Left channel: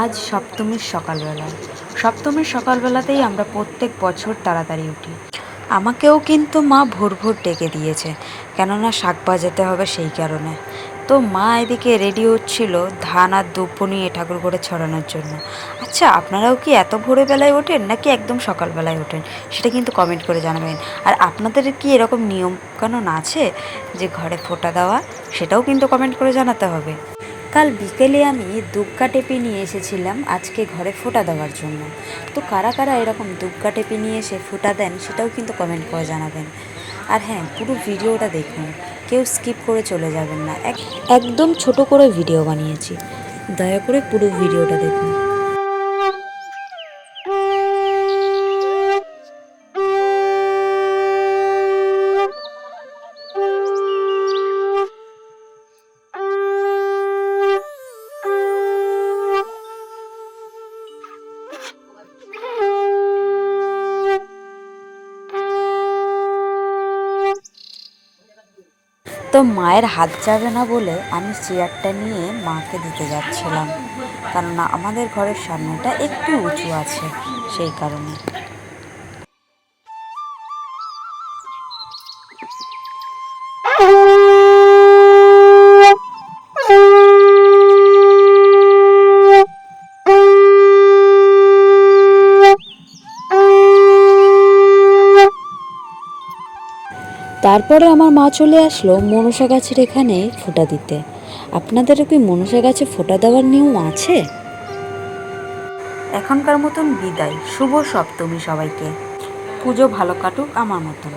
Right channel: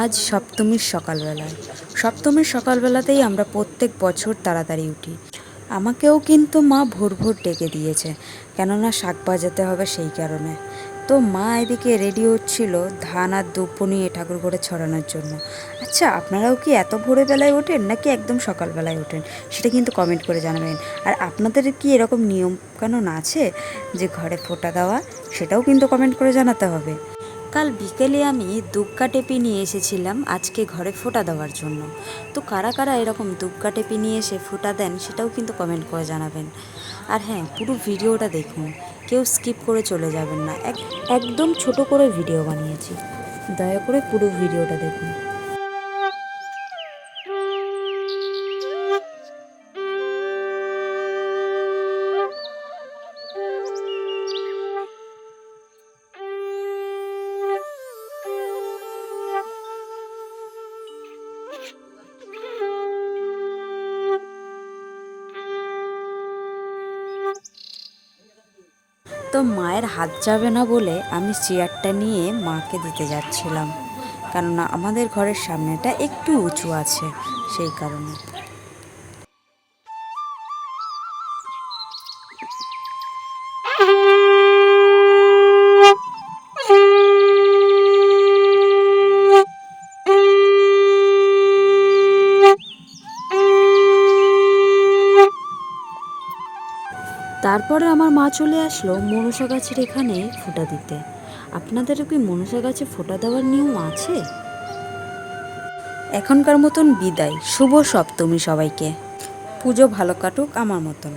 আজ সপ্তমীর সকালবেলায়। সপ্তমীর সকালবেলাতেই আমরা প্রত্যেক বছর তাড়াতাড়ি উঠি। আমাকেও কিন্তু মা ভোর ভোর ডেকে দিয়েছে, কেননা শাক বাজাতে হবে সেই কারণে। তো মা এদিকে রেডি হচ্ছিল ধান আর দ্রব্য নিয়ে ঠাকুর ঘরে ছড়ানোর জন্য। আচ্ছা, আপনারাও কি এত ভোরবেলায় ওঠেন নাকি একদম সকালবেলায় ওঠেন, সেটা কিন্তু কমেন্ট করে জানাবেন। আর আপনাদের কি এরকম নিয়ম কানুন আছে যে ঘরে ফোঁটা দেওয়া, সেটাও কিন্তু কমেন্ট করে জানাতে হবে। কাল বিকেলে আমি দুগ্গা টেপি নিয়ে এসেছিলাম আজকে ঘরে ফোঁটা দেওয়ার জন্য। তো কারা কারা এরকম দুগ্গা টেপি নিয়ে এসে ফোঁটা দেন সেটাও কিন্তু কমেন্ট করে জানাবেন। আর হ্যাঁ, পুরো ভিডিওটা দেখুন, কেউ স্কিপ করে চলে যাবেন না। একদম ছোট করে ভিডিও বানিয়েছি, দয়া করে পুরো ভিডিওটা দেখুন। তো মায়ের হাত যাবে না বলে আমি চেয়ারটা নিয়ে মাকে দিতে যাচ্ছিলাম, কেননা আমাদের ঘরের সামনেটা একটু উঁচু আছে সেই কারণে। তারপরে আমার মা চলে আসলো মনসা গাছের এখানে ফোঁটা দিতে। আপনাদেরও কি মনসা গাছে ফোঁটা দেওয়ার নিয়ম আছে? এখনকার মতন বিদায়, শুভ সপ্তমী সবাইকে। পুজো ভালো কাটুক আমার মতন।